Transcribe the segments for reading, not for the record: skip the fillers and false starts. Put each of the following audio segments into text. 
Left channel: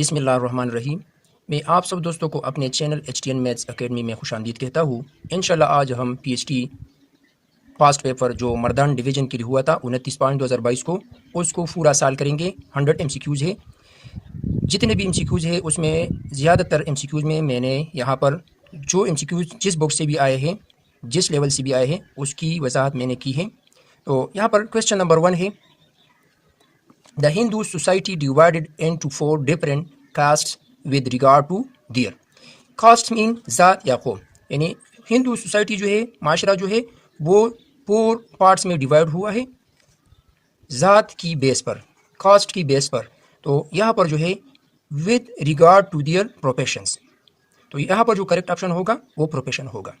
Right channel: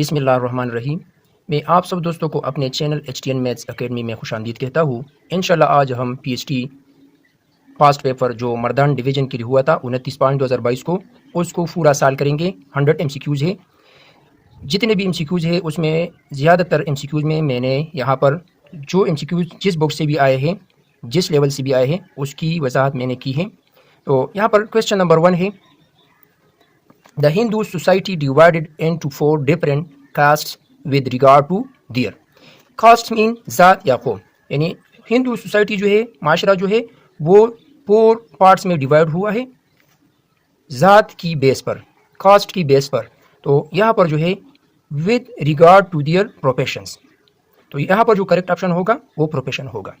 बिस्मिल्लाहिर्रहमानिर्रहीम। मैं आप सब दोस्तों को अपने चैनल HTN मैथ्स एकेडमी में खुशामदीद कहता हूँ। इंशाल्लाह आज हम PhD फास्ट पेपर जो मर्दान डिवीज़न के लिए हुआ था 29/5/2022 को, उसको पूरा साल करेंगे। 100 MCQs है। जितने भी MCQs है उसमें ज़्यादातर MCQs में मैंने यहाँ पर जो MCQs जिस बुक से भी आए हैं, जिस लेवल से भी आए हैं, उसकी वजाहत मैंने की है। तो यहाँ पर क्वेश्चन नंबर 1 है, the Hindu society divided into 4 different castes with regard to their. Caste mean ज़ात या कौम, यानी हिंदू सोसाइटी जो है, माशरा जो है, वो 4 पार्ट्स में डिवाइड हुआ है ज़ात की बेस पर, कास्ट की बेस पर। तो यहाँ पर जो है with regard to their professions, तो यहाँ पर जो करेक्ट ऑप्शन होगा वो प्रोफेशन होगा।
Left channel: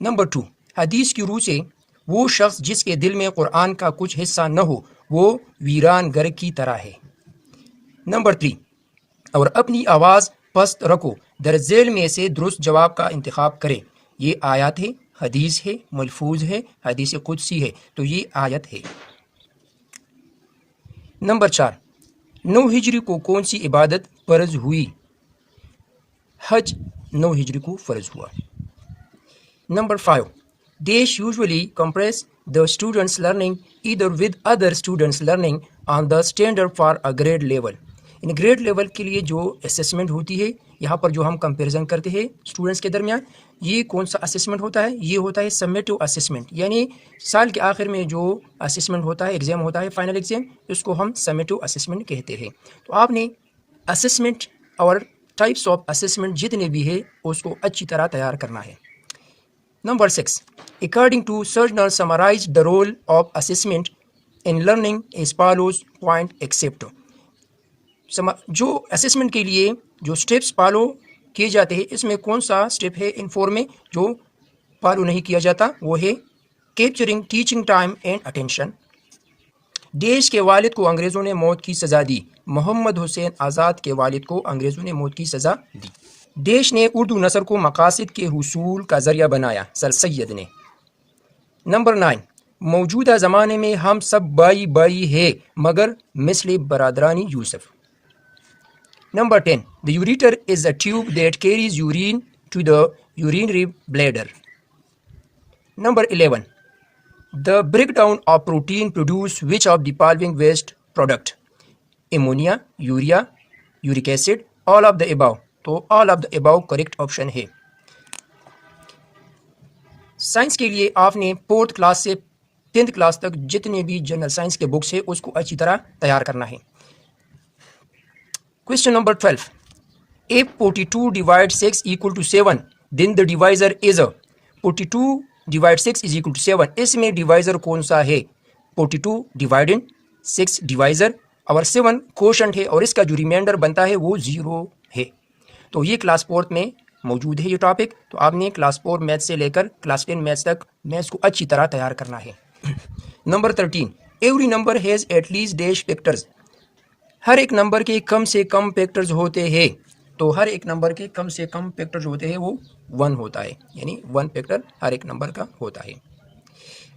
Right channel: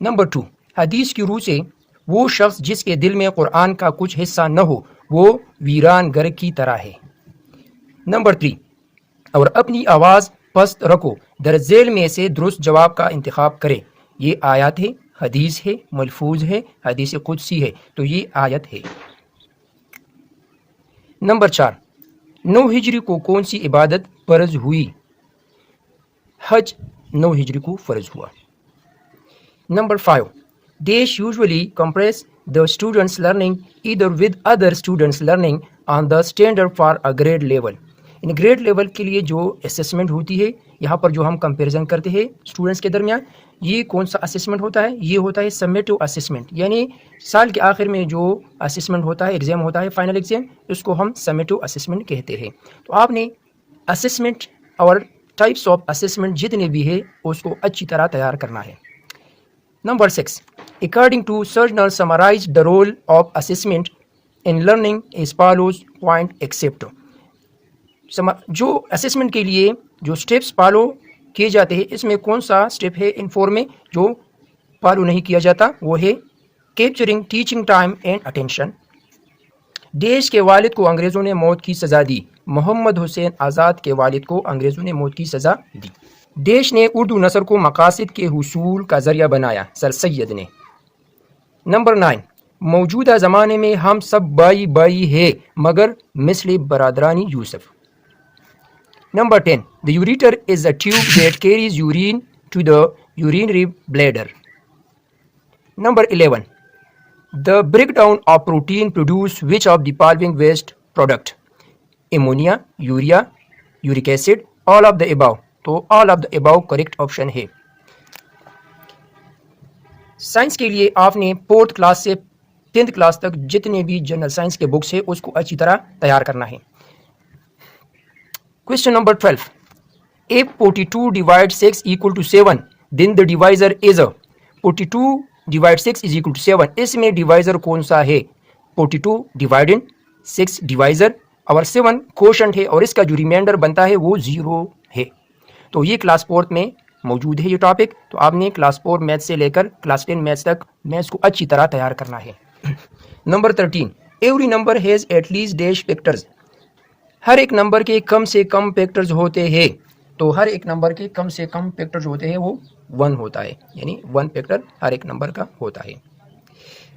नंबर 2, हदीस की रूह से वो शख्स जिसके दिल में कुरान का कुछ हिस्सा न हो वो वीरान घर की तरह है। नंबर 3, और अपनी आवाज़ पस्त रखो, दरजेल में से दुरुस्त जवाब का इंतखाब करें। ये आयत है, हदीस है, मलफूज है, हदीस कुदसी है, तो ये आयत है। नंबर 4, 9 हिजरी को कौन सी इबादत फ़र्ज हुई? हज 9 हिजरी को फ़र्ज हुआ। नंबर 5, देश usually compress the students learning either with other students learning on the standard for a grade level. In grade level के लिए जो असेसमेंट होती है, यहाँ पर जो हम कंपैरिजन करते हैं स्टूडेंट्स के दरमियान, ये कौन सा असेसमेंट होता है? ये होता है समेटिव असेसमेंट, यानी साल के आखिर में जो असेसमेंट होता है, एग्जाम होता है, फाइनल एग्जाम, इसको हम समेटिव असेसमेंट कहते हैं। तो आपने असेसमेंट और टाइप्स ऑफ असेसमेंट जितने भी है उसको अच्छी तरह तैयार करना है। नंबर 6, अकॉर्डिंग टू सर्जनर summarise the role of assessment in learning as follows point except. जो असेसमेंट के लिए जो स्टेप्स फॉलो किए जाते हैं, इसमें कौन सा स्टेप है इन 4 में जो फॉलो नहीं किया जाता? वो है capturing teaching time and attention. देश के वालिद को अंग्रेज़ों ने मौत की सज़ा दी। मोहम्मद हुसैन आज़ाद के वालिद को अंग्रेज़ों ने मौत की सज़ा दी। देश ने उर्दू नस्ल को मकासद के हुसूल का ज़रिया बनाया, सर सैयद ने। नंबर 9, मौजूदा ज़माने में हम सब बाई बाई है मगर मिसले बरादरानी Yusuf. Number 10, the ureter is a tube that carries urine to the urinary bladder. Number 11, the breakdown of protein produce which of the following waste product? Ammonia, urea, uric acid, all of the above. तो all of the above correct option है। Science के लिए आपने 4th class से 10th class तक जितने भी general science के बुक्स है उसको अच्छी तरह तैयार करना है। Question number 12. If 42 divides 6 equal to 7, then the divisor is a 42 divides 6 is equal to 7. इसमें डिवाइजर कौन सा है? 42 डिवाइडेड 6 डिवाइजर और 7 कोशंट है और इसका जो रिमाइंडर बनता है वो 0 है। तो ये क्लास 4 में मौजूद है ये टॉपिक। तो आपने क्लास 4 मैथ से लेकर क्लास 10 मैथ्स तक मैथ्स को अच्छी तरह तैयार करना है। Number 13, every number has at least dash factors. हर एक नंबर के कम से कम फैक्टर्स होते हैं। तो हर एक नंबर के कम से कम फैक्टर्स होते हैं वो 1 होता है, यानी 1 फैक्टर हर एक नंबर का होता है।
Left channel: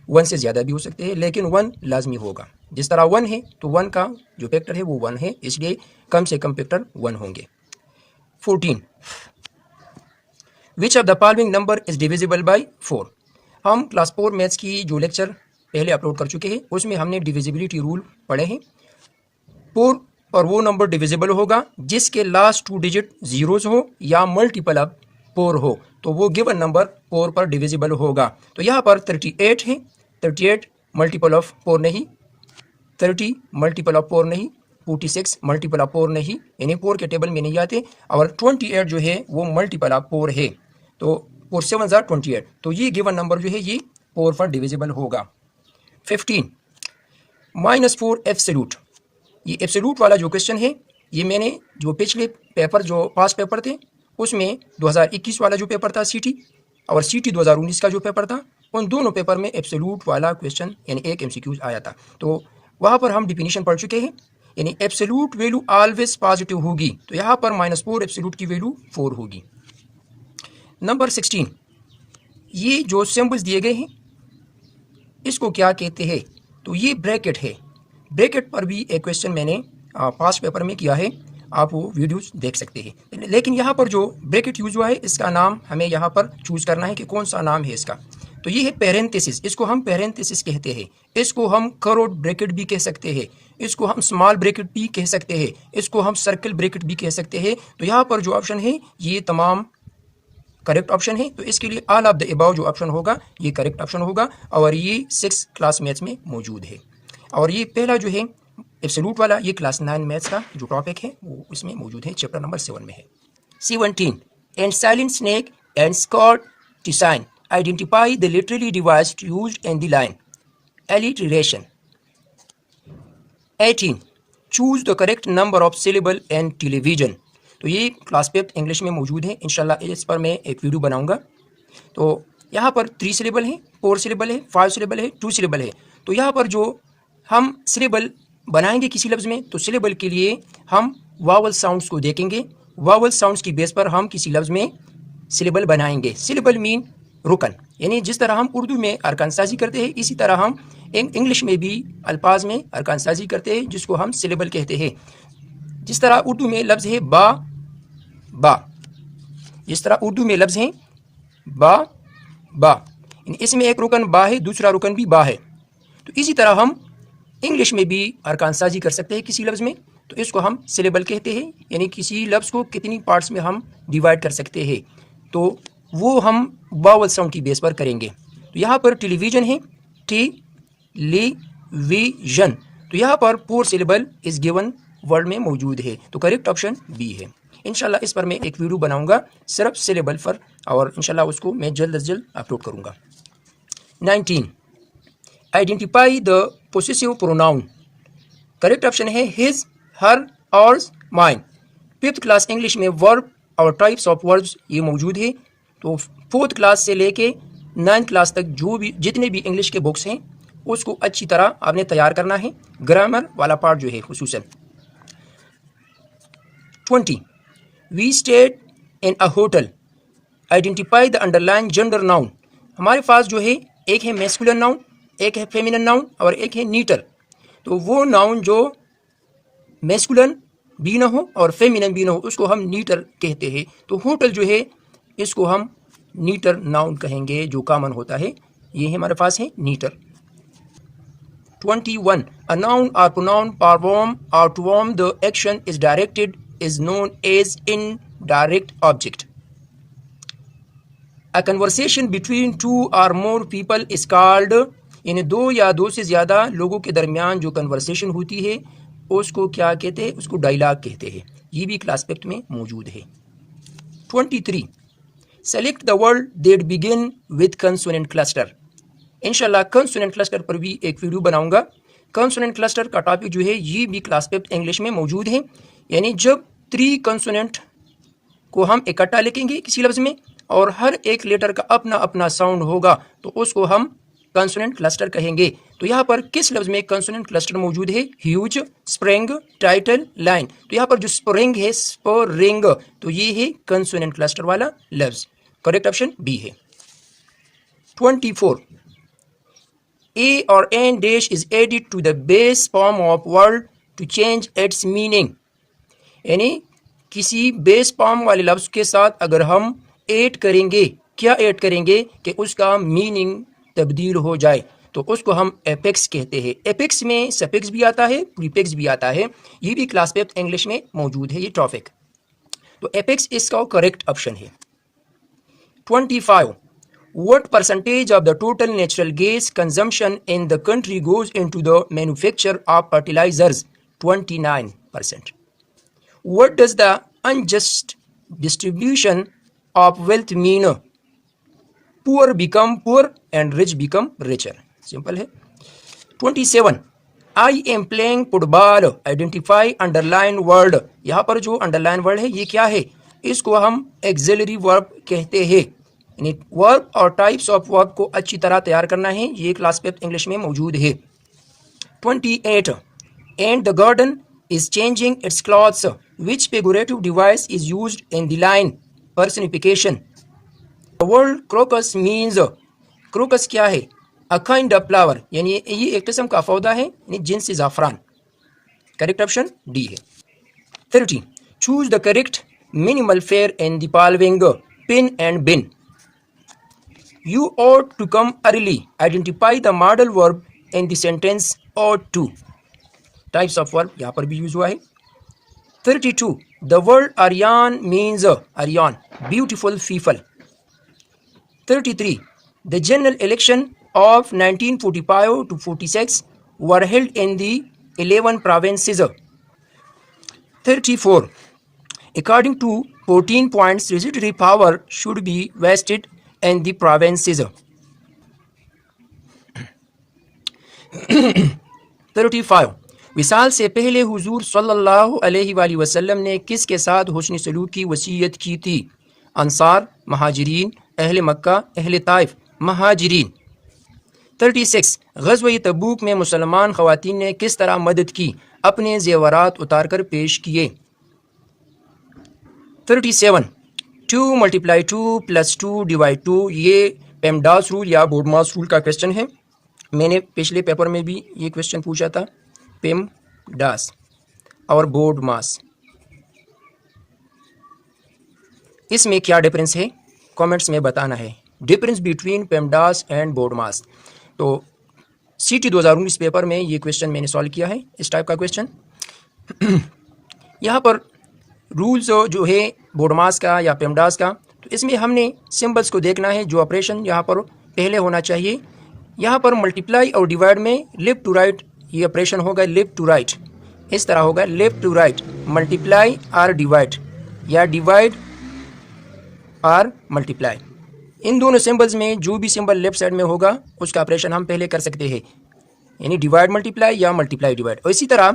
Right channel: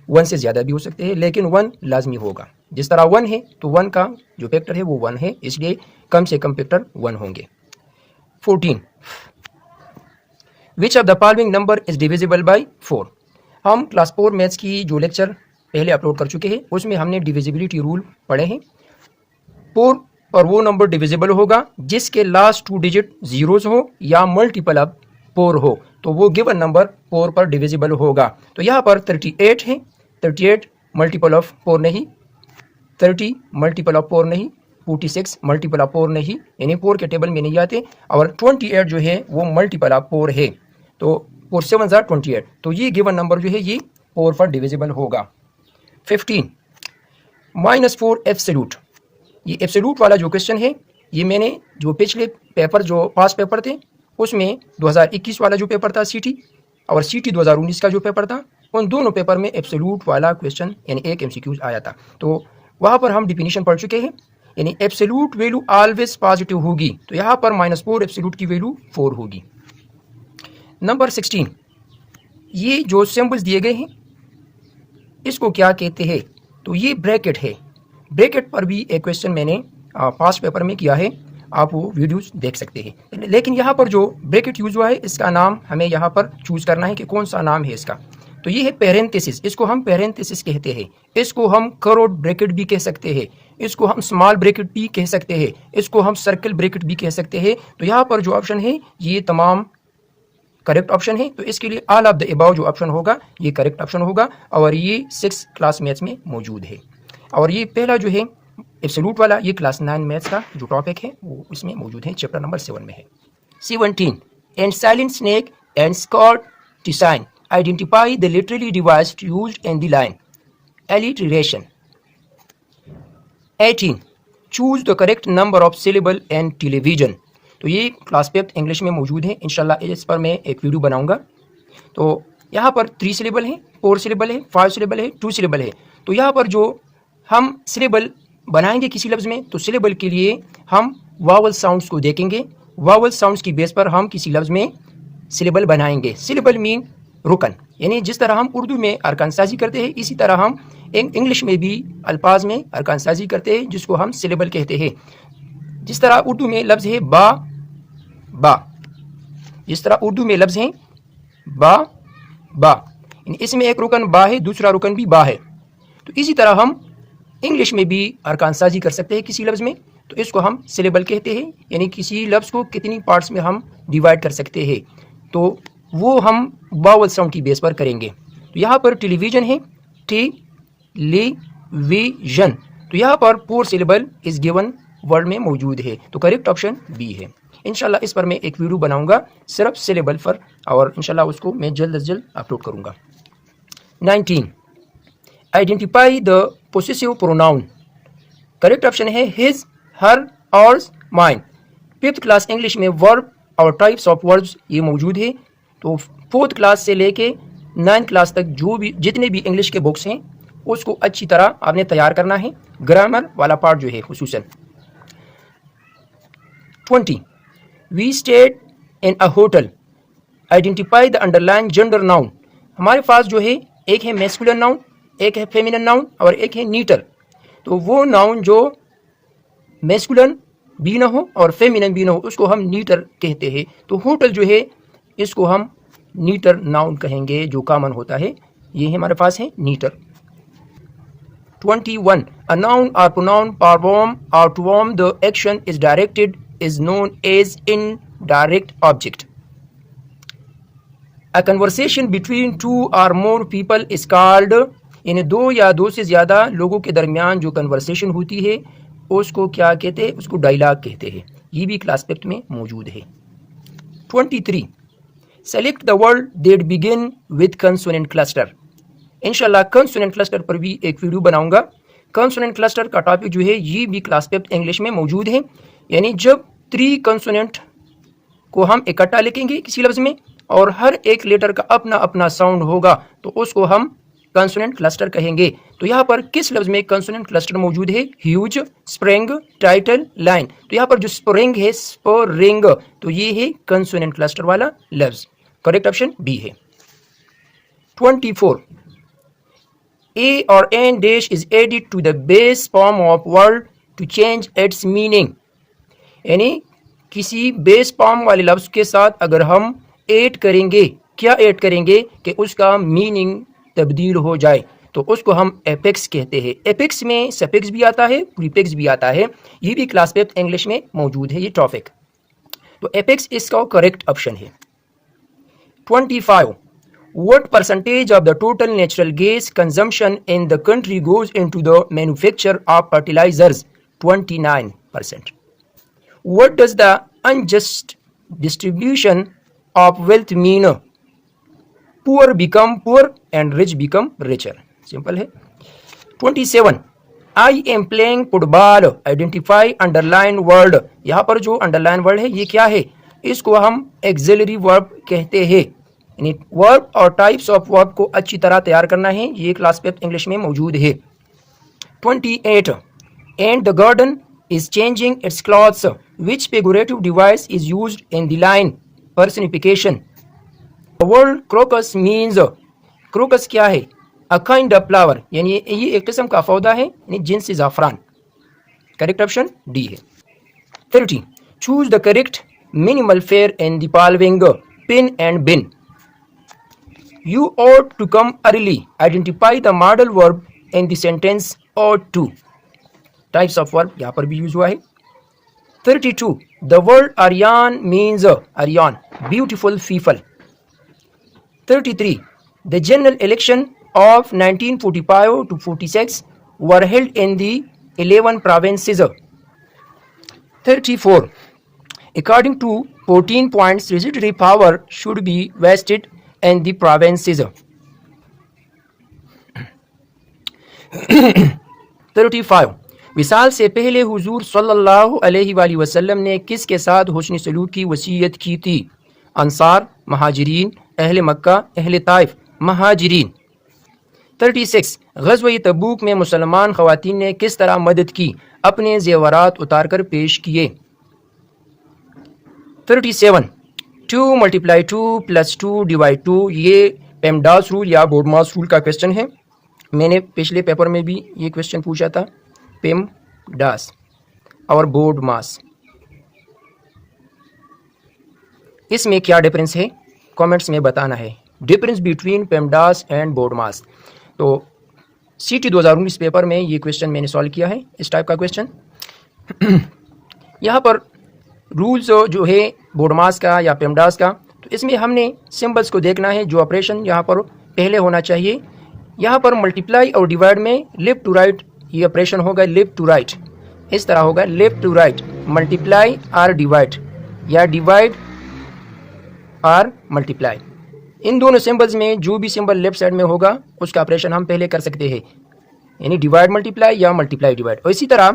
1 से ज़्यादा भी हो सकते हैं लेकिन 1 लाजमी होगा। जिस तरह 1 है तो 1 का जो फैक्टर है वो 1 है, इसलिए कम से कम फैक्टर 1 होंगे। 14, which of the following number is divisible by 4। हम क्लास 4 मैथ्स की जो लेक्चर पहले अपलोड कर चुके हैं उसमें हमने डिविजिबिलिटी रूल पढ़े हैं। 4 और वो नंबर डिविजिबल होगा जिसके लास्ट 2 डिजिट जीरोस हो या मल्टीपल ऑफ 4 हो, तो वो गिवन नंबर 4 पर डिविजिबल होगा। तो यहाँ पर 38 है, 38 मल्टीपल ऑफ 4 नहीं, 30 मल्टीपल ऑफ 4 नहीं, 46 मल्टीपल ऑफ 4 नहीं, यानी 4 के टेबल में नहीं आते, और 28 जो है वो मल्टीपल ऑफ 4 है। तो 4 7 28, तो ये गिवन नंबर जो है ये 4 पर डिविजिबल होगा। 15, -4 एब्सोल्यूट। ये एब्सोल्यूट वाला जो क्वेश्चन है ये मैंने जो पिछले पेपर जो पास्ट पेपर थे उसमें 2021 वाला जो पेपर था सीटी और सीटी 2019 का जो पेपर था, उन दोनों पेपर में एब्सोल्यूट वाला क्वेश्चन यानी एक MCQ आया था। तो वहाँ पर हम डिफिनीशन पढ़ चुके हैं, यानी एब्सोल्यूट वैल्यू ऑलवेज पॉजिटिव होगी। तो यहाँ पर -4 एब्सोल्यूट की वैल्यू 4 होगी। नंबर 16, ये जो सिंबल्स दिए गए हैं इसको क्या कहते हैं? तो ये ब्रैकेट है। ब्रैकेट पर भी एक क्वेश्चन मैंने पास्ट पेपर में किया है। आप वो वीडियोस देख सकते हैं। लेकिन यहाँ पर जो ब्रैकेट यूज हुआ है इसका नाम हमें यहाँ पर चूज करना है कि कौन सा नाम है इसका। तो ये है पेरेंथेसिस, इसको हम पेरेंथेसिस कहते हैं, इसको हम करोड़ ब्रैकेट भी कह सकते हैं, इसको हम स्मॉल ब्रैकेट भी कह सकते हैं, इसको हम सर्कल ब्रैकेट भी कह सकते हैं। तो यहाँ पर जो ऑप्शन है ये तमाम करेक्ट ऑप्शन है। तो इसके लिए ऑल ऑफ द अबव जो ऑप्शन होगा ये करेक्ट ऑप्शन होगा और ये 6th क्लास मैथ्स में मौजूद है। और ये पहला जो है एब्सोल्यूट वाला ये क्लास 9 मैथ्स का जो टॉपिक है वो इसमें मौजूद है, चैप्टर नंबर 7 में है। 17 and silent snake and Scot to sign identify the literary device used in the line alliteration। 18 choose the correct number of syllable and television. तो ये क्लास 5th इंग्लिश में मौजूद है, इंशाल्लाह इस पर मैं एक वीडियो बनाऊंगा। तो यहाँ पर 3 सिलेबल है, 4 सिलेबल है, 5 सिलेबल है, 2 सिलेबल है। तो यहाँ पर जो हम सिलेबल बनाएंगे किसी लफ्ज़ में, तो सिलेबल के लिए हम वावल साउंड्स को देखेंगे, वावल साउंड्स की बेस पर हम किसी लफ्ज़ में सिलेबल बनाएंगे। सिलेबल मीन रुकन, यानी जिस तरह हम उर्दू में अरकान साजी करते हैं इसी तरह हम इंग्लिश में भी अल्फाज में अरकान साजी करते हैं जिसको हम सिलेबल कहते हैं। जिस तरह उर्दू में लफ्ज़ है बा बा, जिस तरह उर्दू में लफ्ज़ है बा बा, इसमें एक रुकन बा है, दूसरा रुकन भी बा है। तो इसी तरह हम इंग्लिश में भी अरकान साजी कर सकते हैं किसी लफ्ज़ में, तो इसको हम सिलेबल कहते हैं, यानी किसी लफ्ज़ को कितनी पार्ट्स में हम डिवाइड कर सकते हैं। तो वो हम वावल साउंड की बेस पर करेंगे। तो यहाँ पर टेलीविजन है, टेलीविजन, तो यहाँ पर 4 सिलेबल इस गिवन वर्ड में मौजूद है, तो करेक्ट ऑप्शन बी है। इंशाल्लाह इस पर मैं एक वीडियो बनाऊंगा सिर्फ सिलेबल पर और इंशाल्लाह उसको मैं जल्द से जल्द अपलोड करूंगा। 19 identify the possessive pronoun. Correct option है हिज, हर, ऑर्स, माइन। 5th क्लास इंग्लिश में वर्ब और टाइप्स ऑफ वर्ब्स ये मौजूद है। तो 4th क्लास से लेके 9th क्लास तक जो भी जितने भी इंग्लिश के बुक्स हैं उसको अच्छी तरह आपने तैयार करना है, ग्रामर वाला पार्ट जो है खुसूसन। 20 we stayed in a hotel, identify the underline gender noun. हमारे पास जो है एक है मैस्कुलिन नाउन, एक है फेमिनिन नाउन और एक है नीटर। तो वो नाउन जो मैस्कुलिन भी ना हो और फेमिनिन भी ना हो उसको हम नीटर कहते हैं। तो होटल जो है इसको हम नीटर नाउन कहेंगे जो कॉमन होता है, ये हमारे पास है नीटर। 21 a noun or pronoun perform or to whom the action is directed is known as indirect object। A conversation between 2 or more people is called, यानी 2 या 2 से ज़्यादा लोगों के दरमियान जो कन्वर्सेशन होती है उसको क्या कहते हैं, उसको डायलॉग कहते हैं। ये भी क्लास 5 में मौजूद है। 23 select the word that begin with consonant cluster. इंशाल्लाह कंसोनेंट क्लस्टर पर भी एक वीडियो बनाऊंगा। कंसोनेंट क्लस्टर का टॉपिक जो है ये भी क्लास 5 इंग्लिश में मौजूद है, यानी जब 3 कंसोनेंट को हम इकट्ठा लिखेंगे किसी लफ्ज़ में और हर एक लेटर का अपना अपना साउंड होगा तो उसको हम कंसोनेंट क्लस्टर कहेंगे। तो यहाँ पर किस लफ्ज़ में कंसोनेंट क्लस्टर मौजूद है, ह्यूज, स्प्रिंग, टाइटल, लाइन। तो यहाँ पर जो स्प्रिंग है, स्प्रिंग, तो ये है कंसोनेंट क्लस्टर वाला लफ्ज़, करेक्ट ऑप्शन बी है। 24 A or an dash is added to the base form of word to change its meaning। यानी किसी बेस फॉर्म वाले लफ्ज़ के साथ अगर हम ऐड करेंगे, क्या ऐड करेंगे कि उसका मीनिंग तब्दील हो जाए, तो उसको हम एपेक्स कहते हैं। एपेक्स में सफिक्स भी आता है, प्रीफिक्स भी आता है, ये भी क्लास 5 इंग्लिश में मौजूद है ये टॉपिक। तो एपेक्स इसका करेक्ट ऑप्शन है। 25 What percentage of the total natural gas consumption in the country goes into the manufacture of fertilizers? 29%. What does the unjust distribution of wealth mean? Poor become poor and rich become richer. Simple है। 27. I am playing football. Identify underline word. यहाँ पर जो underline word है ये क्या है, इसको हम auxiliary verb कहते हैं। यानी वर्ब और टाइप्स ऑफ वर्ब को अच्छी तरह तैयार करना है, ये क्लास 5 इंग्लिश में मौजूद है। 28 and the garden is changing it's clothes, which figurative device is used in the line personification. Word crocus means, crocus क्या है, अ काइंड ऑफ फ्लावर, यानी ये एक किस्म का पौधा है, यानी जिनसी ज़ाफ़रान, करेक्ट ऑप्शन डी है। 30 Choose the correct minimal fare in the following pin and bin. You ought to come early. Identify the modal verb in the sentence ought to. Types of verb यहाँ पर भी use हुआ है. 32. The word Aryan means Aryan, beautiful people. 33. The general election of 1945 to 46 were held in the 11 provinces. 34. According to 14 points, legislative power should be vested in the provinces. 35. विसाल से पहले हुजूर सल्लल्लाहु अलैहि वसल्लम ने किसके साथ हुस्न सलूक की वसीयत की थी? अंसार, महाजिरीन, अहले मक्का, अहले ताइफ, महाजिरीन. 36. ग़ज़वा तबूक में मुसलमान ख़वातीन ने किस तरह मदद की? अपने ज़ेवरात उतार कर पेश किए. 37. 2 × 2 + 2 / 2 ये पेमडास रूल या बोर्डमास रूल का क्वेश्चन है. मैंने पिछले पेपर में भी ये क्वेश्चन पूछा था. पेमडास और बोर्डमास, इसमें क्या डिफरेंस है कमेंट्स में बताना है. Difference between PEMDAS and BODMAS. तो CT 2019 पेपर में ये क्वेश्चन मैंने सॉल्व किया है, इस टाइप का क्वेश्चन. यहाँ पर रूल्स जो है बोर्डमास का या पेमडास का, तो इसमें हमने सिंबल्स को देखना है. जो ऑपरेशन यहाँ पर पहले होना चाहिए, यहाँ पर मल्टीप्लाई और डिवाइड में लेफ्ट टू राइट ये ऑपरेशन होगा. लेफ्ट टू राइट इस तरह होगा. लेफ्ट टू राइट, मल्टीप्लाई और डिवाइड या डिवाइड और मल्टीप्लाई. इन दोनों सिंबल्स में जो भी सिंबल लेफ्ट साइड में होगा उसका ऑपरेशन हम पहले कर सकते हैं, यानी डिवाइड मल्टीप्लाई या मल्टीप्लाई डिवाइड. और इसी तरह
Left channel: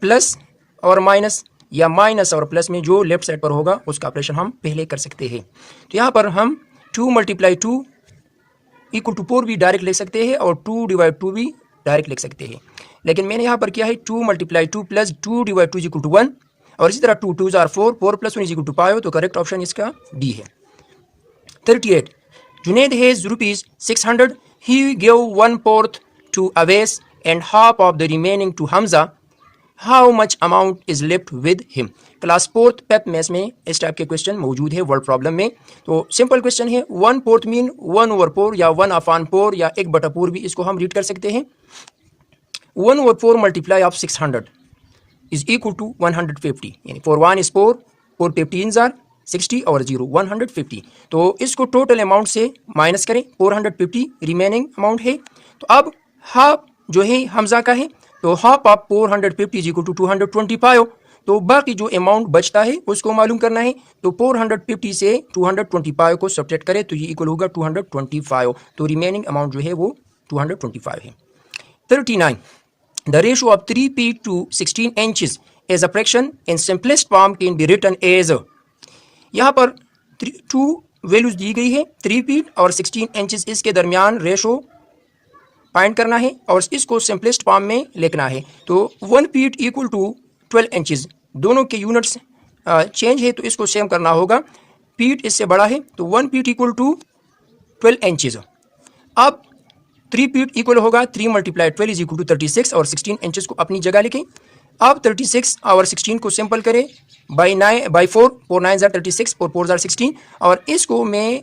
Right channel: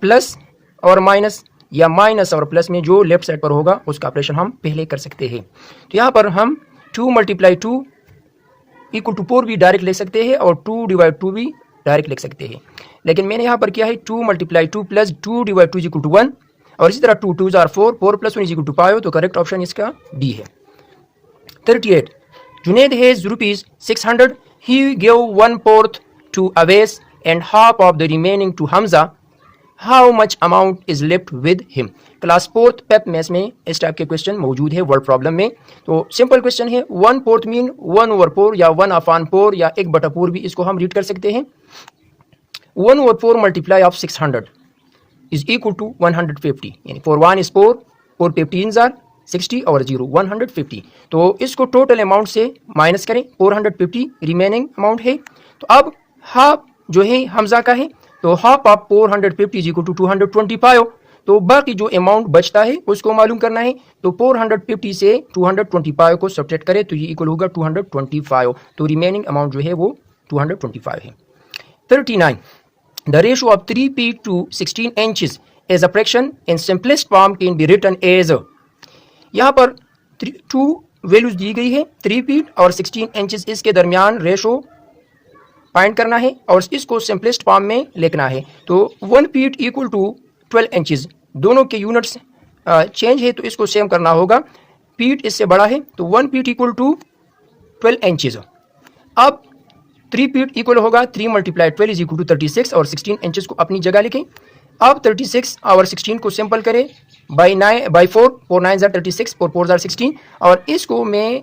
प्लस और माइनस या माइनस और प्लस में जो लेफ्ट साइड पर होगा उसका ऑपरेशन हम पहले कर सकते हैं. तो यहाँ पर हम 2 × 2 = 4 भी डायरेक्ट लिख सकते हैं और 2 / 2 भी डायरेक्ट लिख सकते हैं. लेकिन मैंने यहाँ पर किया है 2 × 2 + 2 / 2 = 1 और इसी तरह 2 2s are 4, 4 + 1 = 5. तो करेक्ट ऑप्शन इसका डी है. 38. Junaid has ₹600. He gave 1/4 to Awais and half of the remaining to Hamza. How much amount is left with him? Class 4th Pep maths में इस टाइप के क्वेश्चन मौजूद है word problem में. तो simple question है. 1/4 mean 1/4 या 1/4 या 1/4 भी इसको हम रीड कर सकते हैं. 1/4 multiply of 600 is equal to 150. यानी 4 1 is 4, 4 15s are 60 और 0 150. तो इसको टोटल अमाउंट से माइनस करें. 450 रिमेनिंग अमाउंट है. तो अब हाफ जो है हमजा का है, तो half of 450 is equal to 225. तो बाकी जो अमाउंट बचता है उसको मालूम करना है. तो 450 से 225 को सब्ट्रैक्ट करें तो ये इक्वल होगा 225. तो रिमेनिंग अमाउंट जो है वो 225 है. 39. The ratio of 3 feet to 16 inches as a fraction in simplest form can be written as. यहाँ पर 2 वैल्यूज दी गई है, 3 फीट और 16 इंचेस. इसके दरमियान रेशो फाइंड करना है और इसको सिंपलेस्ट फॉर्म में लिखना है. तो 1 फीट इक्वल टू 12 इंचेस. दोनों के यूनिट्स चेंज है तो इसको सेम करना होगा. फीट इससे बड़ा है तो 1 फीट इक्वल टू 12 इंचेस. अब 3 फीट इक्वल होगा 3 × 12 इज इक्वल टू 36 और 16 इंचेस को अपनी जगह लिखें. अब 36 और 16 को सिंपल करें by 4, 4 9s are 36, 4 4s are 16 और इसको मैं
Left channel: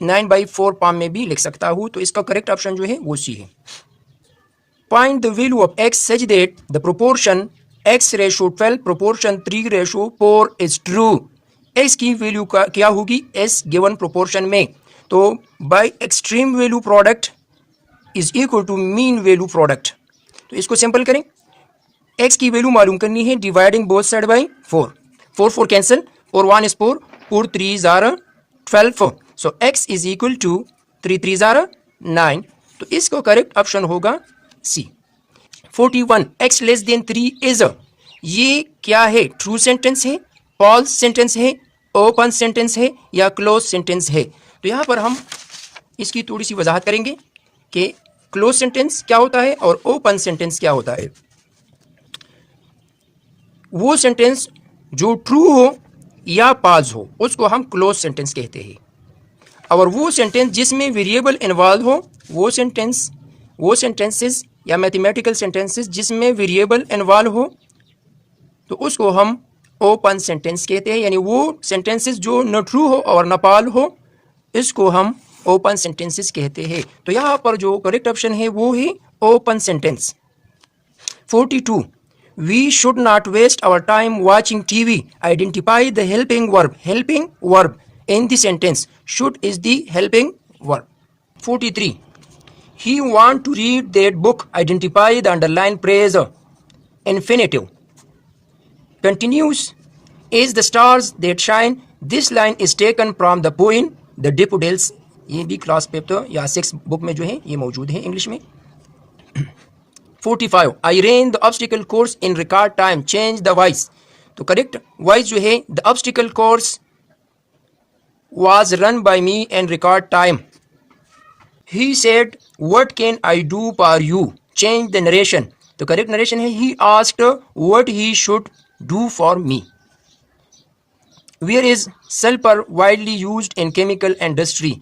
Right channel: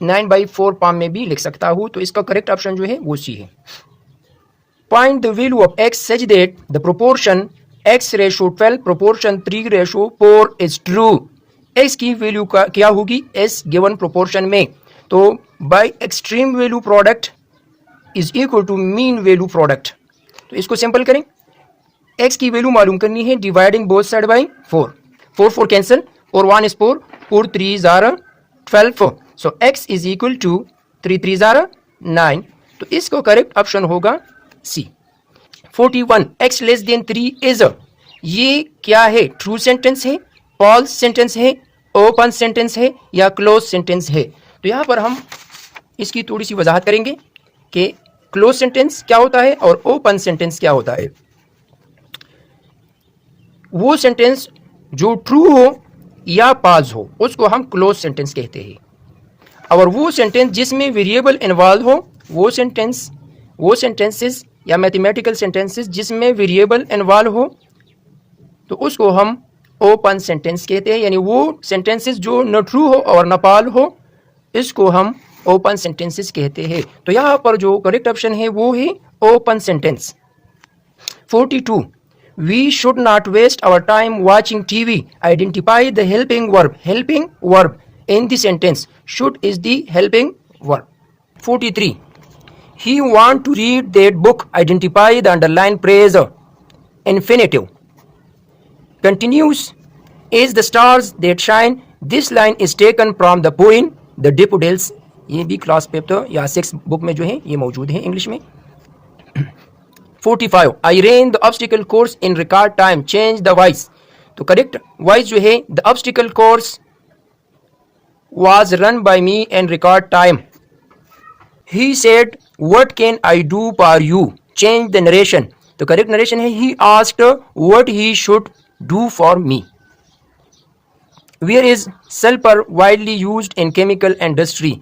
9/4 फॉर्म में भी लिख सकता हूँ. तो इसका करेक्ट ऑप्शन जो है वो सी है. Find the value of x such that the proportion x ratio 12 proportion 3 ratio 4 is true. x की वैल्यू क्या होगी s गिवन प्रोपोर्शन में. तो by extreme value product is equal to mean value product. तो इसको सिंपल करें. x की value मालूम करनी है dividing both side by 4. 4 4 cancel. 4 1 is 4, 4 3s are 12. So x is equal to 3 3s are 9. तो इसको करेक्ट ऑप्शन होगा C. 41. x less than 3 is. ये क्या है? ट्रू सेंटेंस है, फॉल्स सेंटेंस है, ओपन सेंटेंस है या क्लोज सेंटेंस है. तो यहाँ पर हम इसकी थोड़ी सी वजाहत करेंगे कि क्लोज सेंटेंस क्या होता है और ओपन सेंटेंस क्या होता है. वो सेंटेंस जो ट्रू हो या पाज हो उसको हम क्लोज सेंटेंस कहते हैं. और वो सेंटेंस जिसमें वेरिएबल इन्वॉल्व हो वो सेंटेंसेस या मैथमेटिकल सेंटेंसेस जिसमें वेरिएबल इन्वॉल्व हो तो उसको हम ओपन सेंटेंस कहते हैं, यानी वो सेंटेंसेस जो न ट्रू हो और न पाल हो, इसको हम ओपन सेंटेंसेस कहते हैं। तो यहाँ पर जो करेक्ट ऑप्शन है वो है open sentence. 42. We should not waste our time watching TV. Identify the helping verb. Helping verb in the sentence. Should is the helping verb. 43. He want to read that book. Identify the underlined phrase. Infinitive. Continues is the stars that shine. This line is taken from the poem The Daffodils. ये भी class paper या 6 book में जो है ये मौजूद है English में। 45. I ran the obstacle course in record time. Change the voice. तो करेक्ट वॉइस जो है the obstacle course was run by me in record time. He said, what can I do for you? Change the narration. तो correct narration है he asked what he should do for me. Where is sulfur widely used in chemical industry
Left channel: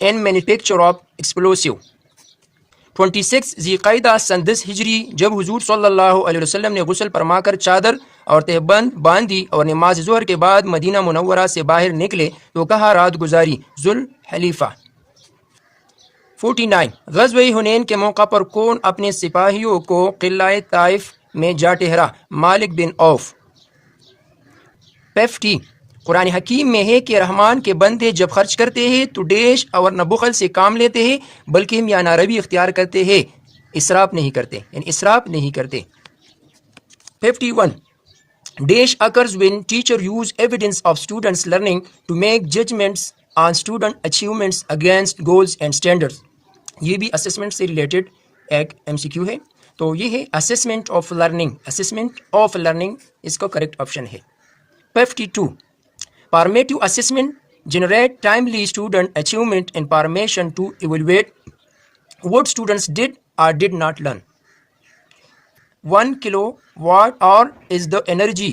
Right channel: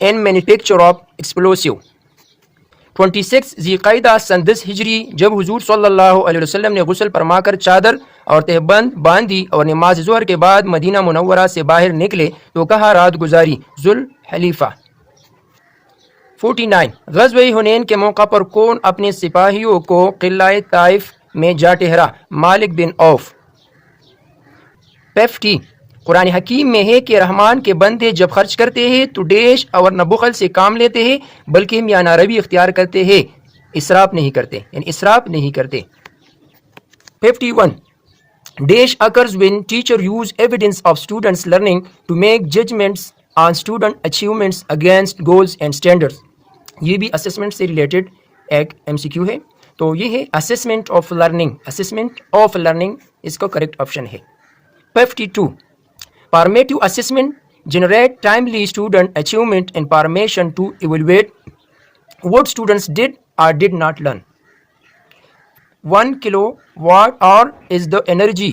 and manufacture of explosive. 26. ज़िक़ाइदा सन 10 हिजरी जब हुजूर सल्लल्लाहु अलैहि वसल्लम ने गुस्ल फरमाकर चादर और तहबंद बांधी और नमाज ज़ोहर के बाद मदीना मुनव्वरा से बाहर निकले तो कहाँ रात गुजारी? जुल हलीफा। 49. ग़ज़वे हुनैन के मौका पर कौन अपने सिपाहियों को क़िला ताइफ में जा ठहरा? मालिक बिन औफ। 50. कुरान हकीम में है कि रहमान के बंदे जब खर्च करते हैं तो डेश और न बुखल से काम लेते हैं बल्कि हम या नारवी इख्तियार करते हैं, इसराफ नहीं करते, यानी इसराफ नहीं करते। 51. Dash occurs when teacher use evidence of students learning to make judgements on student achievements against goals and standards. ये भी असेसमेंट से रिलेटेड एक MCQ है। तो ये है assessment of learning. Assessment of learning इसका करेक्ट ऑप्शन है। 52. Formative assessment generate timely student achievement information to evaluate what students did or did not learn. 1 kilowatt hour is the energy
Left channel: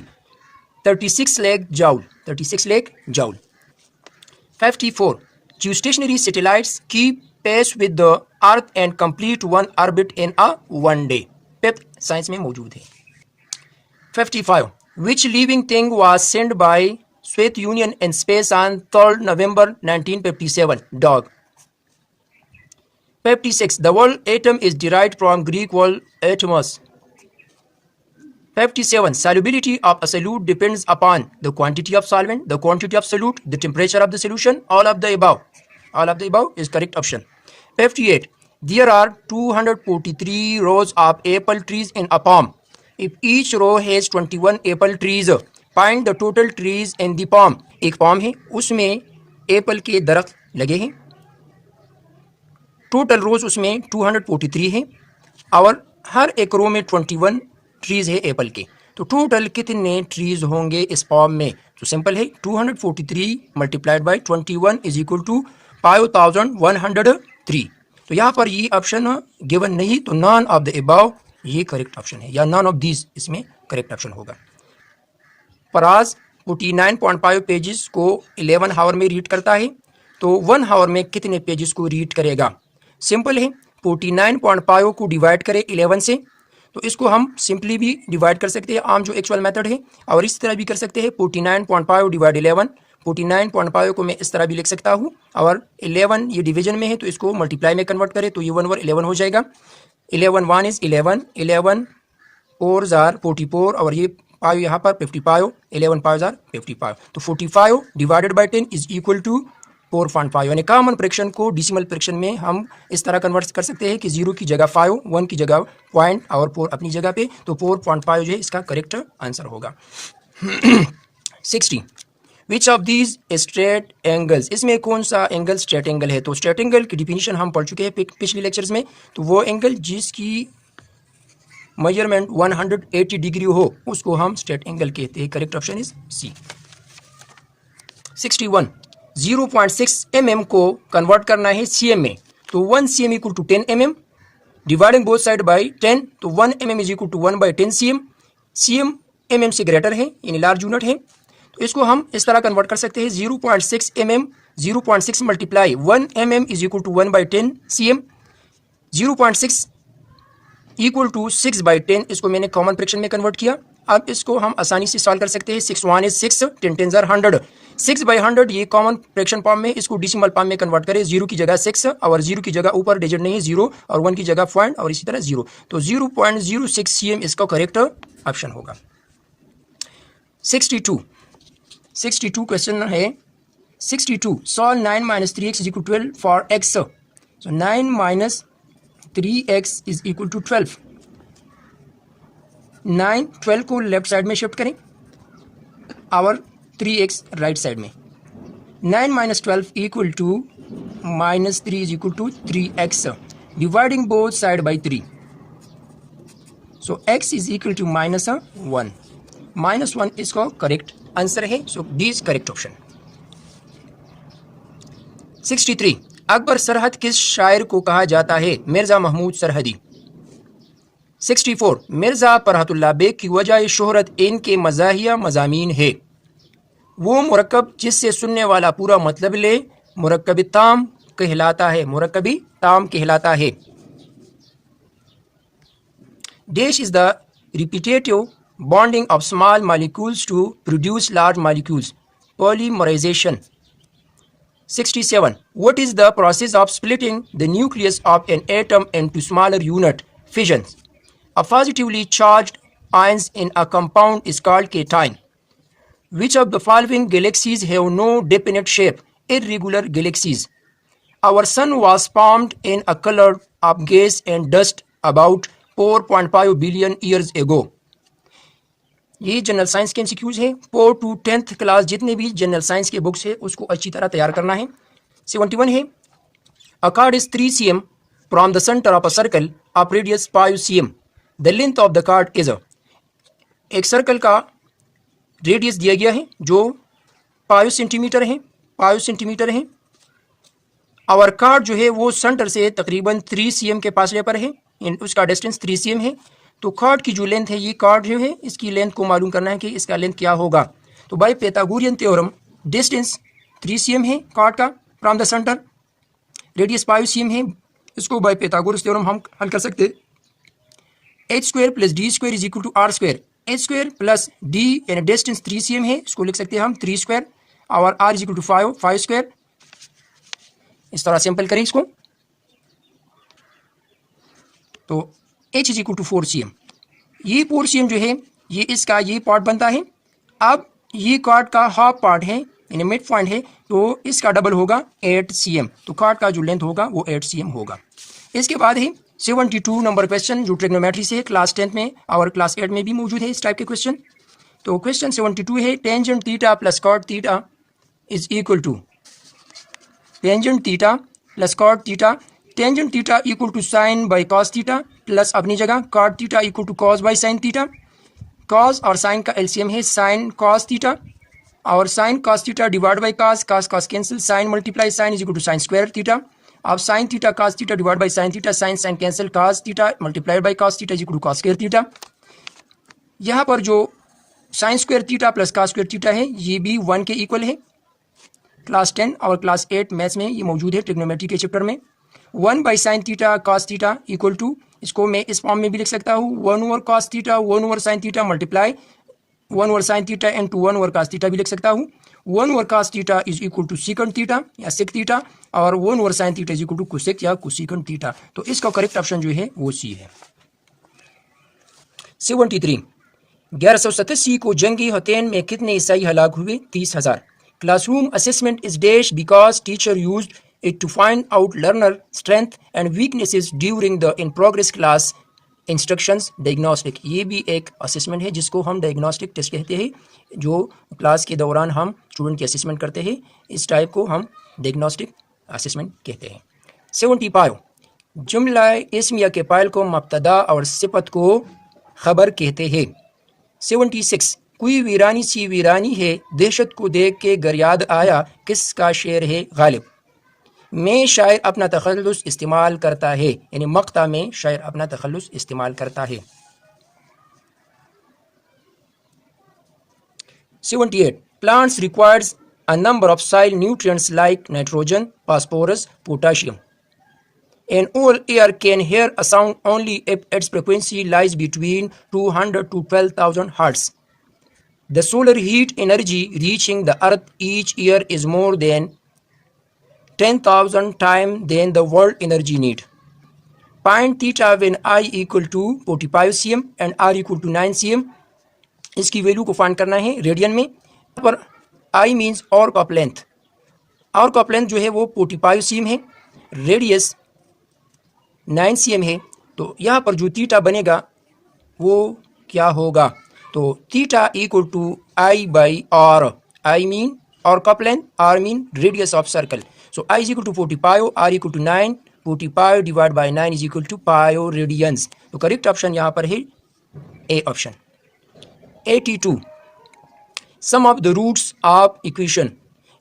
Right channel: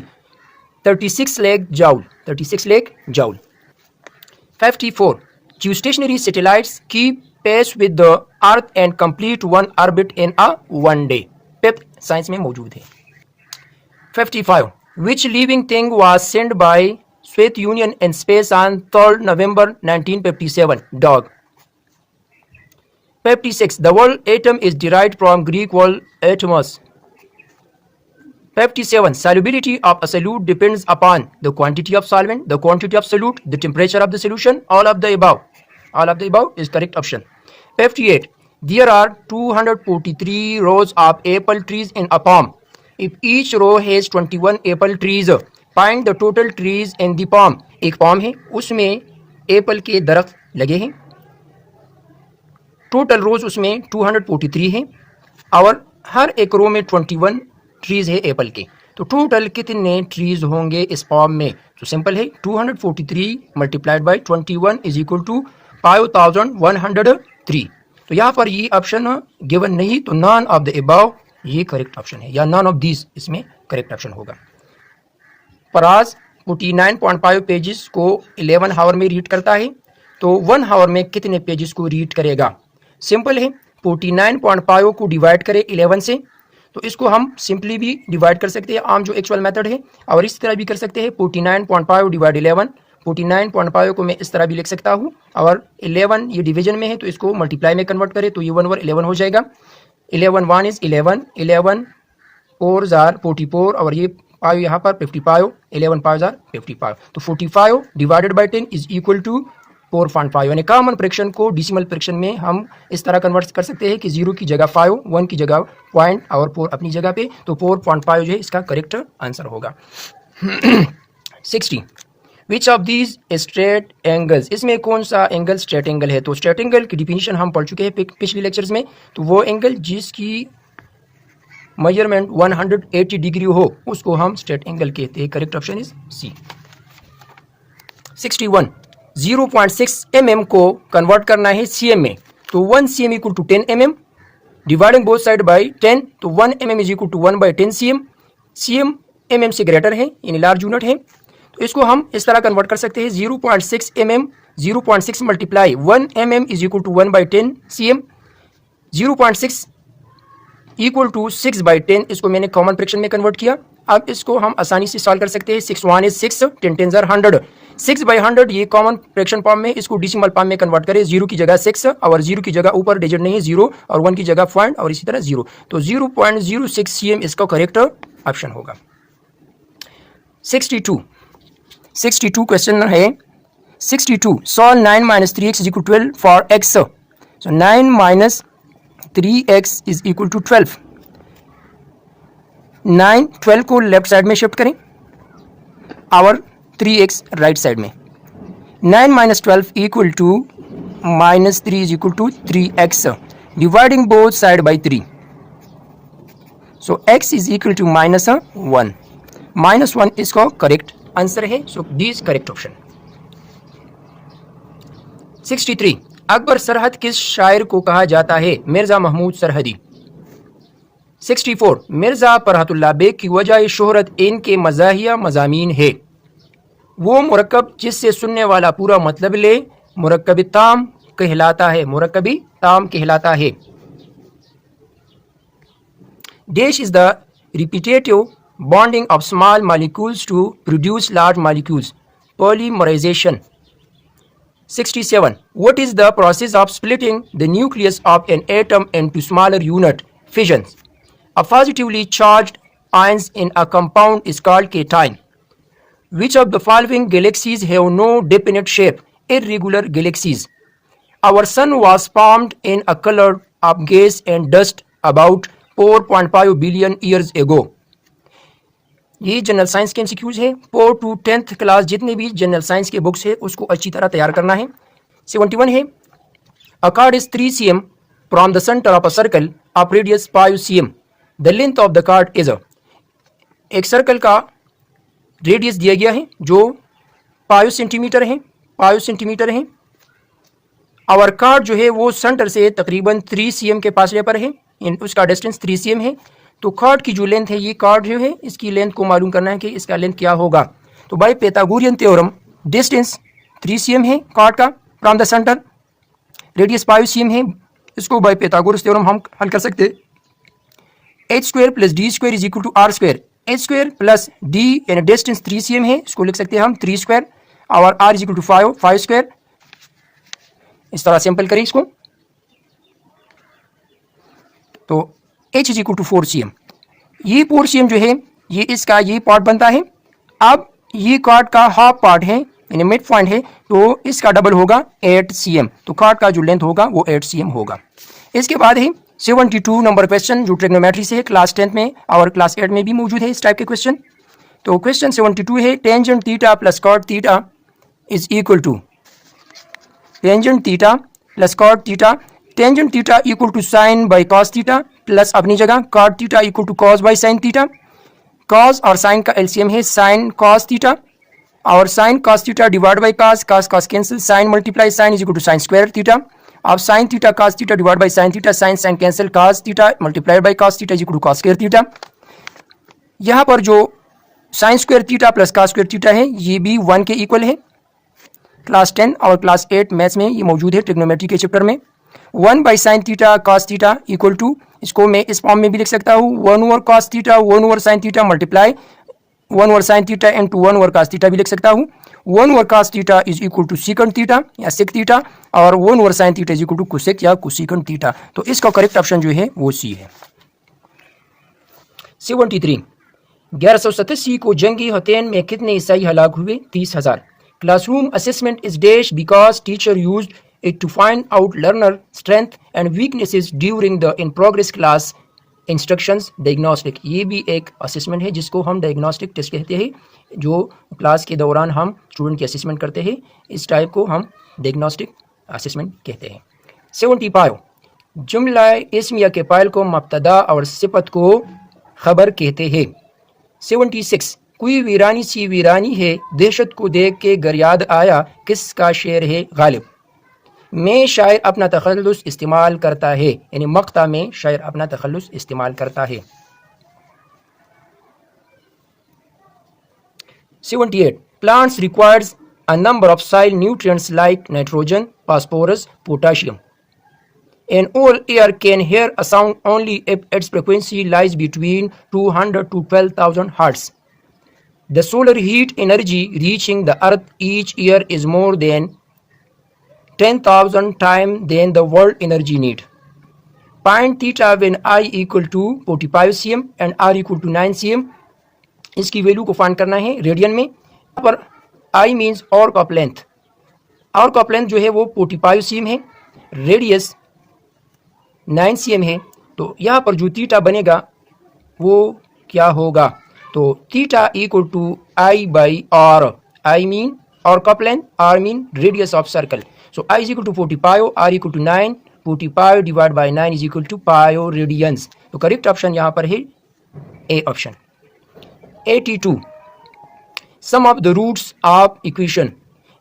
36 lakh joule. 36 lakh joule. 54. Geostationary satellites keep pace with the Earth and complete one orbit in a one day. Fifth science में मौजूद है। 55. Which living thing was sent by Soviet Union in space on 3rd November 1957? Dog. 56. The word atom is derived from Greek word atomos. 57. Solubility of a solute depends upon the quantity of solvent, the quantity of solute, the temperature of the solution, all of the above. All of the above is correct option. 58. There are 243 rows of apple trees in a palm. If each row has 21 apple trees, find the total trees in the palm. एक palm है उसमें Apple के दरख्त लगे हैं, total रोज उसमें 243 हैं और हर एक रो में 21 ट्रीज है एप्पल के। तो टोटल कितने ट्रीज होंगे इस palm में? तो सिंपल है 243 multiplied by 21 is equal to 5103। तो यहाँ पर ये ऑप्शन गिवन नहीं, तो नॉन ऑफ द अबव ये करेक्ट ऑप्शन है, या नॉन ऑफ दिस इसमें करेक्ट ऑप्शन होगा। फराज 49.5 पेजेस को 11 हावर में रीड करता है, तो 1 हावर में कितने पेजेस को रीड करेगा? सिंपल है 49.5 को डिवाइड करें 11 से, तो इसको हम सिंपली भी डिवाइड कर सकते हैं, आम जो एक्चुअल मेथड है, और इस तरह भी कर सकते हैं 49.5 डिवाइड 11। 49.5 को मैं इस तरह भी लिख सकता हूँ, और 11 ये डिवीजन में है तो इसको मल्टीप्लाई में कन्वर्ट करें तो ये 1 ओवर 11 हो जाएगा। 11 1 इज 11, 11 4 जार 44 और ये 5 यहाँ पर 55, 11 5 जार 55, तो 45 divided by 10 is equal to 4.5। यानी कॉमन फ्रैक्शन को डेसिमल फ्रैक्शन में हम इस तरह कन्वर्ट कर सकते हैं कि 0 की जगह 5, 1 की जगह पॉइंट और 4 अपनी जगह पे, तो 4.5 जो है इसका करेक्ट आंसर होगा। 60. Which of these straight angles, इसमें कौन सा एंगल स्ट्रेट एंगल है? तो स्ट्रेट एंगल की डिफिनीशन हम पढ़ चुके हैं पिछले लेक्चर्स में, तो वो एंगल जिसकी मेजरमेंट 180 डिग्री हो उसको हम स्ट्रेट एंगल कहते हैं। Correct option is C. 61. 0.6 mm को कन्वर्ट करना है cm में, तो 1 cm equal to 10 mm, dividing both side by 10, तो 1 mm is equal to 1/10 cm। cm mm से ग्रेटर है यानी लार्ज यूनिट है, तो इसको हम इस तरह कन्वर्ट कर सकते हैं 0.6 mm, 0.6 multiply 1 mm is equal to 1/10 cm। 0.6 equal to 6/10, इसको मैंने कॉमन फ्रैक्शन में कन्वर्ट किया, अब इसको हम आसानी से सॉल्व कर सकते हैं। 6 1 is 6, 10 10 are 100, 6/100 ये कॉमन फ्रैक्शन फॉर्म में, इसको डेसिमल फॉर्म में कन्वर्ट करें। 0 की जगह 6 और 0 की जगह ऊपर डिजिट नहीं 0 और 1 की जगह पॉइंट और इसी तरह 0, तो 0.06 cm इसका करेक्ट ऑप्शन होगा। 62 क्वेश्चन है। 62 solve 9 - 3x is equal to 12 for x, so 9 - 3x is equal to 12। 12 को लेफ्ट साइड में शिफ्ट करें और 3x राइट साइड में। 9 - 12 equal to -3 is equal to 3x, dividing both side by 3, so x is equal to -1। -1 इसका correct answer है, so D is correct option. 63 Akbar सरहद किस शायर को कहा जाता है? मिर्जा महमूद सरहदी। 64 मिर्जा फरहतुल्लाह बेग की वजह शोहरत इनके मज़ाहिया मज़ामीन है। वो मुरक्कब जिससे सुनने वाला पूरा मतलब ले मुरक्कब ताम कहलाता है, मुरक्कबी ताम कहलाता है। Dash is the repetitive bonding of small molecules to produce large molecules, polymerisation. 67 what is the process of splitting the nucleus of an atom into smaller unit, fission? A positively charged ions in a compound is called cation. Which of the following galaxies have no definite shape? Irregular galaxies. Our sun was formed in a color of gas and dust about 4.5 billion years ago. ये general science के MCQs है। 4 to 10th class जितने भी general science के books है उसको अच्छी तरह तैयार करना है। 71 है a chord is 3 cm from the center of a circle of radius 5 cm. The length of the chord is एक सर्कल का रेडियस दिया गया है जो 5 सेंटीमीटर है, 5 सेंटीमीटर है और कार्ड जो है वो सेंटर से तकरीबन 3 cm के फासले पर है, उसका डिस्टेंस 3 cm है। तो कार्ड की जो लेंथ है, ये कार्ड जो है इसकी लेंथ को मालूम करना है कि इसका लेंथ क्या होगा। तो by Pythagorean theorem distance 3 cm है कार्ड का from the centre, radius 5 cm है, इसको बाय पाइथागोरस थ्योरम हम हल कर सकते हैं। h² + d² is equal to r², h² + d यानी डिस्टेंस 3 cm है, इसको लिख सकते हैं हम 3² और r इज इक्वल टू 5²। इस तरह सिंपल करें इसको, तो h is equal to 4 cm। ये 4 cm जो है ये इसका ये पार्ट बनता है। अब ये कार्ड का हाफ पार्ट है यानी मिड पॉइंट है, तो इसका डबल होगा 8 cm, तो कार्ड का जो लेंथ होगा वो 8 cm होगा। इसके बाद है 72 नंबर क्वेश्चन जो ट्रिग्नोमेट्री से है, क्लास 10th में और क्लास 8 में भी मौजूद है इस टाइप के क्वेश्चन। तो क्वेश्चन 72 है tangent theta plus cot theta is equal to, tangent theta plus cot theta, tangent theta equal to sine by cos theta plus अपनी जगह cot theta equal to cos by sine theta. Cos और sine का LCM है sine cos theta और sine cos theta divide by cos, cos cos cancel, sine multiply sine is equal to sine square theta. अब sine theta cos theta divide by sine theta, sine sine cancel, cos theta multiplied by cos theta is equal to cos square theta. यहाँ पर जो sine square theta plus cos square theta है ये भी 1 के equal है। Class 10 और class 8 maths में ये मौजूद है ट्रिग्नोमेट्री के चैप्टर में। 1 by sine theta cos theta equal to, इसको मैं इस फॉर्म में भी लिख सकता हूँ 1 over cos theta 1 over sine theta multiply 1 over sine theta into 1 over cos theta भी लिख सकता हूँ। 1 over cos theta is equal to secant theta या सेक थीटा और 1 over sine theta is equal to cosec या cosecant theta. तो इसका correct option जो है वो सी है। 73 1187 को जंगी हथेन में कितने ईसाई हलाक हुए? 30,000। Classroom assessment is dash because teacher used it to find out learner strength and weaknesses during the in progress class instructions diagnostic। ये भी एक असेसमेंट है जिसको हम डायग्नोस्टिक टेस्ट कहते हैं, जो क्लास के दौरान हम स्टूडेंट की असेसमेंट करते हैं, इस टाइप को हम डायग्नोस्टिक असेसमेंट कहते हैं। 75 जुमला इस्मिया के फाइल को मुब्तदा और सिफत को खबर कहते हैं। 76 कोई वीरानी सी वीरानी है दहशत को देख के गरियाद आया, किसका शेर है गालिब? में शायर अपना तखल्लुस इस्तेमाल करता है, यानी मक्ता में शायर अपना तखल्लुस इस्तेमाल करता है। 78 plants requires a number of soil nutrients like nitrogen, phosphorus, potassium. An all ear can hear a sound only if its frequency lies between 200 to 12,000 hertz. The solar heat energy reaching the earth each year is more than 10,000 times than the world energy need. Find theta when I equal to 45 cm and R equal to 9 cm. इसकी value को find करना है radian में। यहाँ पर I means arc of length, arc of length जो है वो 45 cm है, रेडियस 9 cm है, तो यहाँ पर जो थीटा बनेगा वो क्या होगा, तो theta equal to I by R, I mean arc of length, R mean radius of circle, so I is equal to 45, R equal to 9, 45 divide by 9 is equal to pi radians. तो correct option यहाँ पर है A option. 82 sum of the roots of equation,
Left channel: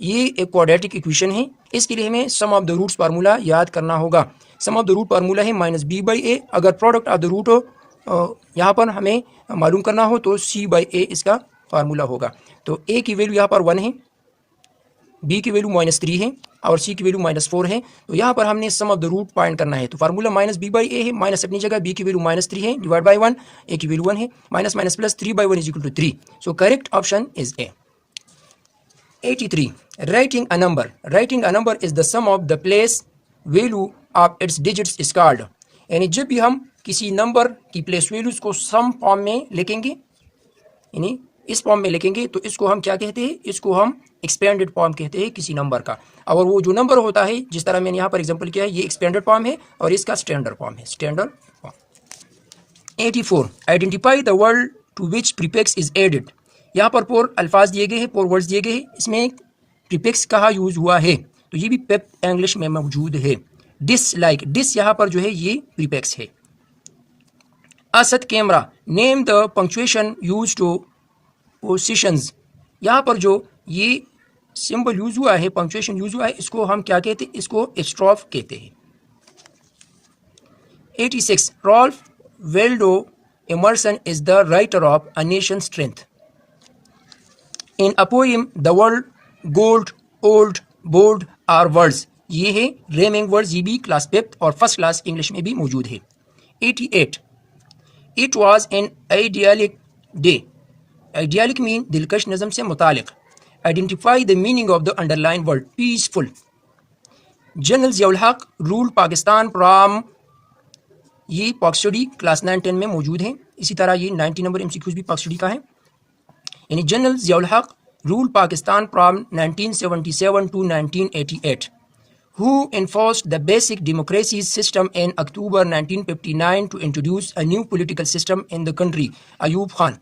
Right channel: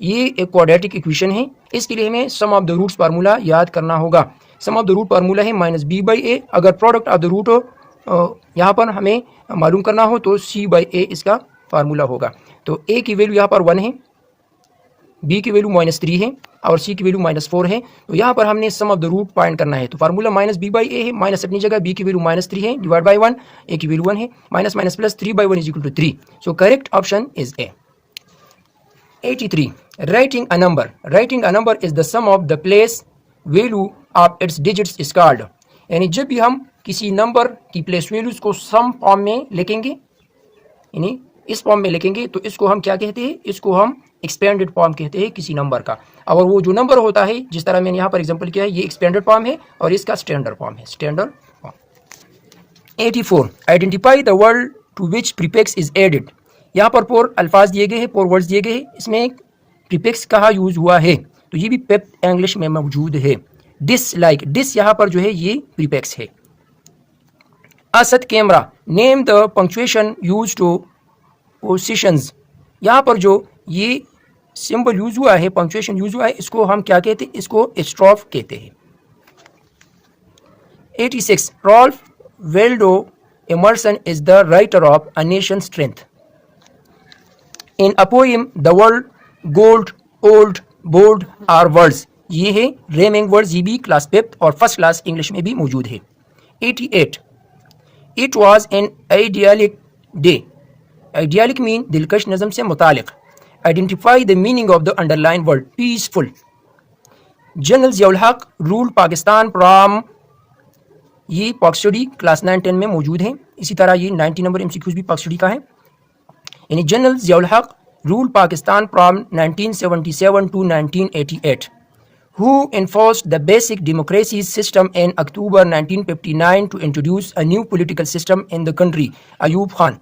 ये एक quadratic equation है, इसके लिए हमें sum of the roots formula याद करना होगा। सम ऑफ द रूट फार्मूला है माइनस बी बाई ए, अगर प्रोडक्ट ऑफ द रूट हो यहाँ पर हमें मालूम करना हो तो सी बाई ए इसका फार्मूला होगा। तो ए की वैल्यू यहाँ पर 1 है, बी की वैल्यू -3 है और सी की वैल्यू -4 है, तो यहाँ पर हमने सम ऑफ द रूट फाइंड करना है। तो फार्मूला माइनस बी बाई ए है, माइनस अपनी जगह, बी की वैल्यू -3 है डिवाइड बाई 1, ए की वैल्यू 1 है, minus minus plus 3 by 1 is equal to 3, so correct option is A. 83 writing a number, writing a number is the sum of the place value of its digits is called, यानी जब भी हम किसी number की place values को some form में लिखेंगे, यानी इस फॉर्म में लिखेंगे, तो इसको हम क्या कहते हैं, इसको हम एक्सपेंडेड फॉर्म कहते हैं किसी नंबर का। और वो जो नंबर होता है, जिस तरह मैंने यहाँ पर एग्जांपल किया है, ये एक्सपेंडेड फॉर्म है और इसका स्टैंडर्ड फॉर्म है, standard form. 84 identify the word to which prefix is added, यहाँ पर 4 अल्फाज दिए गए हैं, 4 वर्ड्स दिए गए हैं, इसमें प्रीफिक्स कहाँ यूज हुआ है, तो ये भी पेप इंग्लिश में मौजूद है। डिस लाइक, डिस यहाँ पर जो है ये प्रीफिक्स है। Asad camera, name the punctuation use two positions, यहाँ पर जो ये सिंबल यूज हुआ है, पंक्चुएशन यूज हुआ है, इसको हम क्या कहते हैं, इसको स्ट्रोफ कहते हैं। 86 Ralph Waldo Emerson is the writer of a nation strength, in a poem the world gold old board are words, ये है रेमिंग वर्ड्स, ये भी क्लास 5 और फर्स्ट क्लास इंग्लिश में भी मौजूद है। 88 it was an idyllic day, idyllic mean दिलकश नज़म से मुतालिक। Identify the meaning of the underline word peaceful. General Ziaul Haq rule Pakistan from, ये पाक स्टडी क्लास 9-10 में मौजूद है। इसी तरह ये 90 नंबर MCQs भी पाक स्टडी का है। यानी general Ziaul Haq rule Pakistan from 1977 to 1988, who enforced the basic democracy system in October 1959 to introduce a new political system in the country, Ayub Khan।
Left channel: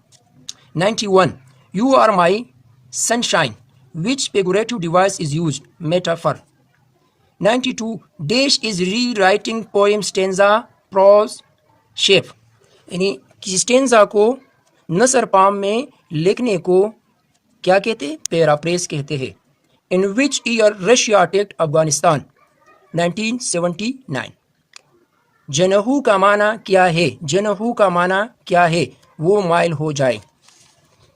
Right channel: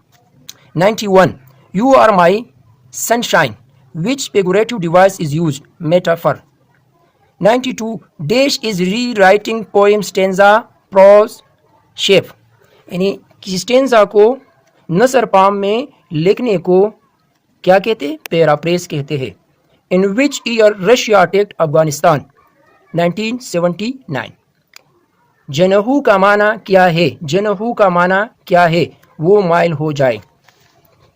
91 you are my sunshine, which figurative device is used, metaphor। 92 Dash is rewriting poem stanza prose shape, यानी किसी stanza को नसर palm में लिखने को क्या कहते हैं, paraphrase कहते हैं। In which year Russia attacked Afghanistan, 1979। जनहू का माना क्या है, जनहू का माना क्या है, वो माइल हो जाए।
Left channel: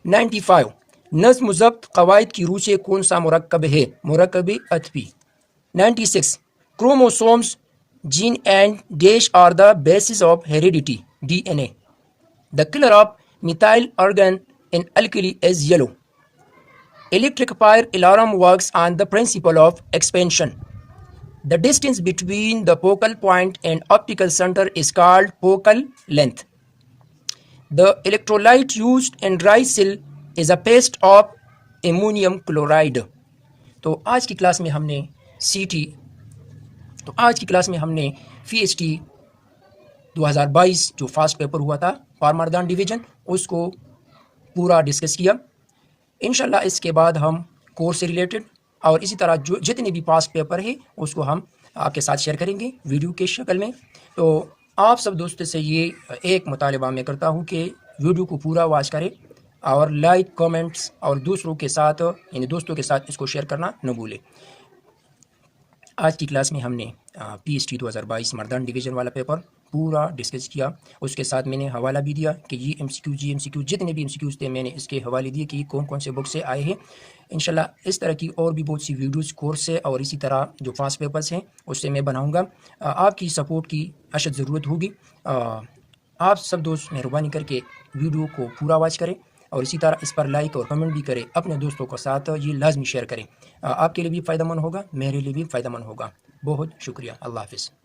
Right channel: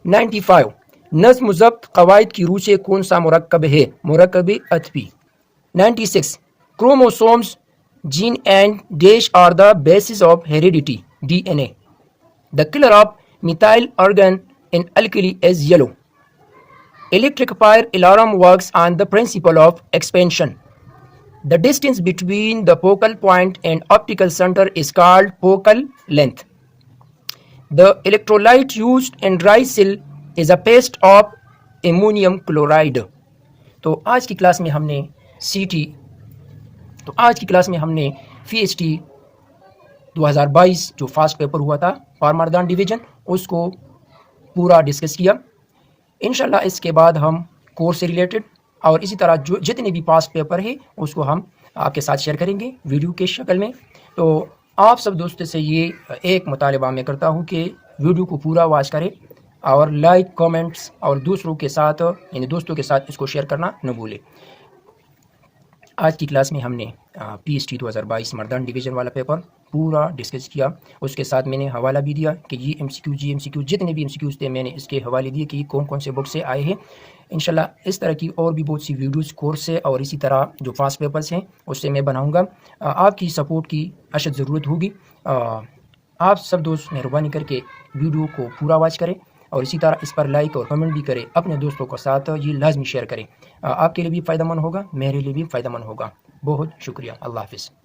95 नज़्म ज़ब्त क़वाइद की रूह से कौन सा मुरक्कब है, मुरक्कब अतफी। 96 chromosomes gene and dash are the basis of heredity, DNA। The colour of methyl ऑर्गन in alkali is yellow. Electric fire alarm works on the principle of expansion. The distance between the focal point and optical center is called focal length. The electrolyte used in dry cell is a paste of ammonium chloride. तो आज की class में हमने FST 2022 जो fast paper हुआ था फार्मरदान division, उसको पूरा डिस्कस किया। इंशाल्लाह इसके बाद हम कोर्स से रिलेटेड और इसी तरह जो जितने भी पास्ट पेपर है उसको हम आपके साथ शेयर करेंगे वीडियो के शक्ल में। तो आप सब दोस्तों से ये एक मुतालिबा मैं करता हूँ कि वीडियो को पूरा वॉच करें और लाइक कमेंट्स और दूसरों के साथ यानी दोस्तों के साथ इसको शेयर करना न भूलें। आज की क्लास में हमने PST 2022 मर्दान डिवीज़न वाला पेपर पूरा डिस्कस किया। उसके साथ मैंने हवाला भी दिया कि ये MCQ जितने भी MCQs थे मैंने इसके हवाले दिए कि कौन कौन से बुक से आए हैं। इंशाल्लाह इस तरह की और भी बहुत सी वीडियोस कोर्स से और इसी तरह जो फास्ट पेपर्स हैं उससे मैं बनाऊंगा। आपकी सपोर्ट की अशद ज़रूरत होगी। आप सब दोस्त मेहरबानी करके वीडियो को पूरा वॉच करें और इसी तरह इस पर लाइक और कमेंट भी करें। अपने दोस्तों के साथ ये लाजमी शेयर करें। आपके लिए भी फ़ायदेमंद होगा, मेरे लिए भी फ़ायदेमंद होगा। बहुत शुक्रिया। अल्लाह हाफ़िज़।